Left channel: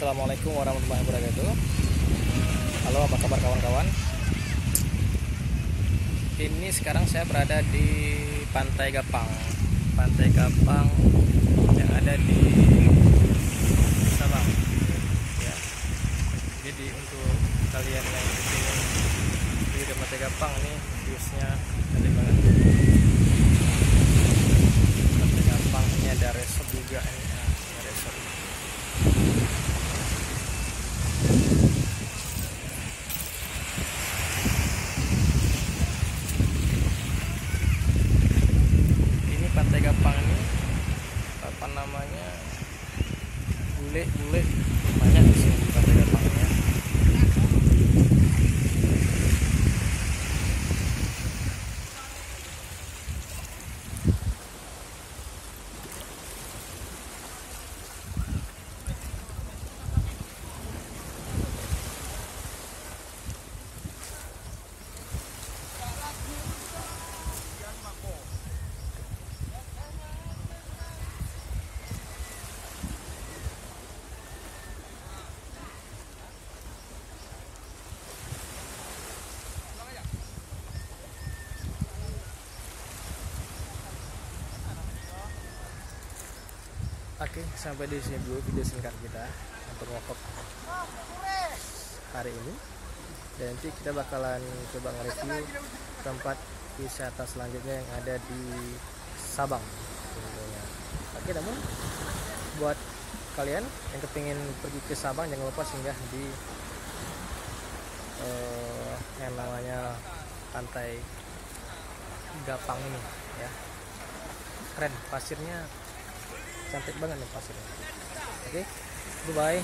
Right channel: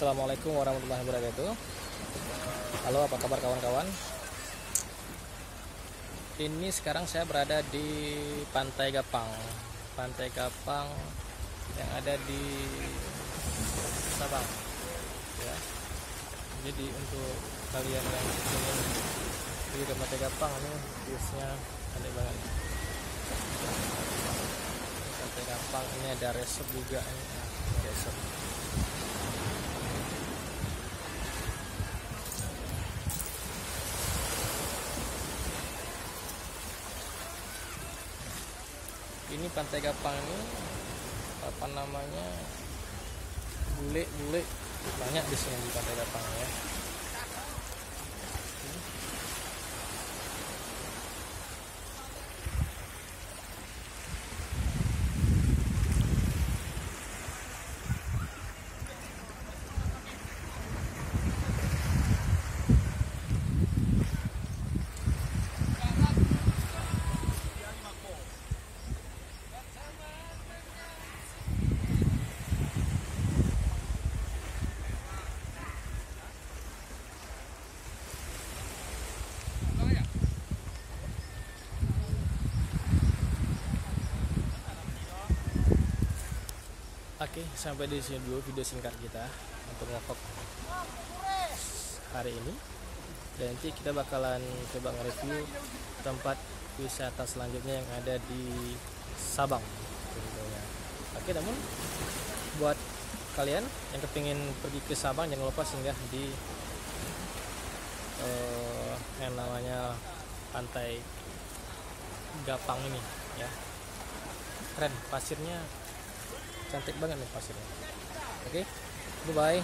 Assalamualaikum warahmatullahi wabarakatuh. Halo, apa kabar kawan-kawan? Ini sekarang saya berada di Pantai Gapang. Pantai Gapang yang ada di Sabang. Ya. Jadi untuk kalian yang ingin di Pantai Gapang nih, viewsnya cantik banget. Pantai Gapang ini ada resort juga ini. Nah, ini resort. Ini Pantai Gapang ini apa namanya, bule banyak di sini di Pantai Gapang ya. Oke, sampai di sini dulu video singkat kita untuk ngevlog hari ini. Dan nanti kita bakalan coba nge-review tempat wisata selanjutnya yang ada di Sabang tentunya. Oke, namun buat kalian yang kepingin pergi ke Sabang, jangan lupa singgah di yang namanya Pantai Gapang ini ya. Keren, pasirnya cantik banget nih pasirnya. Oke, bye bye.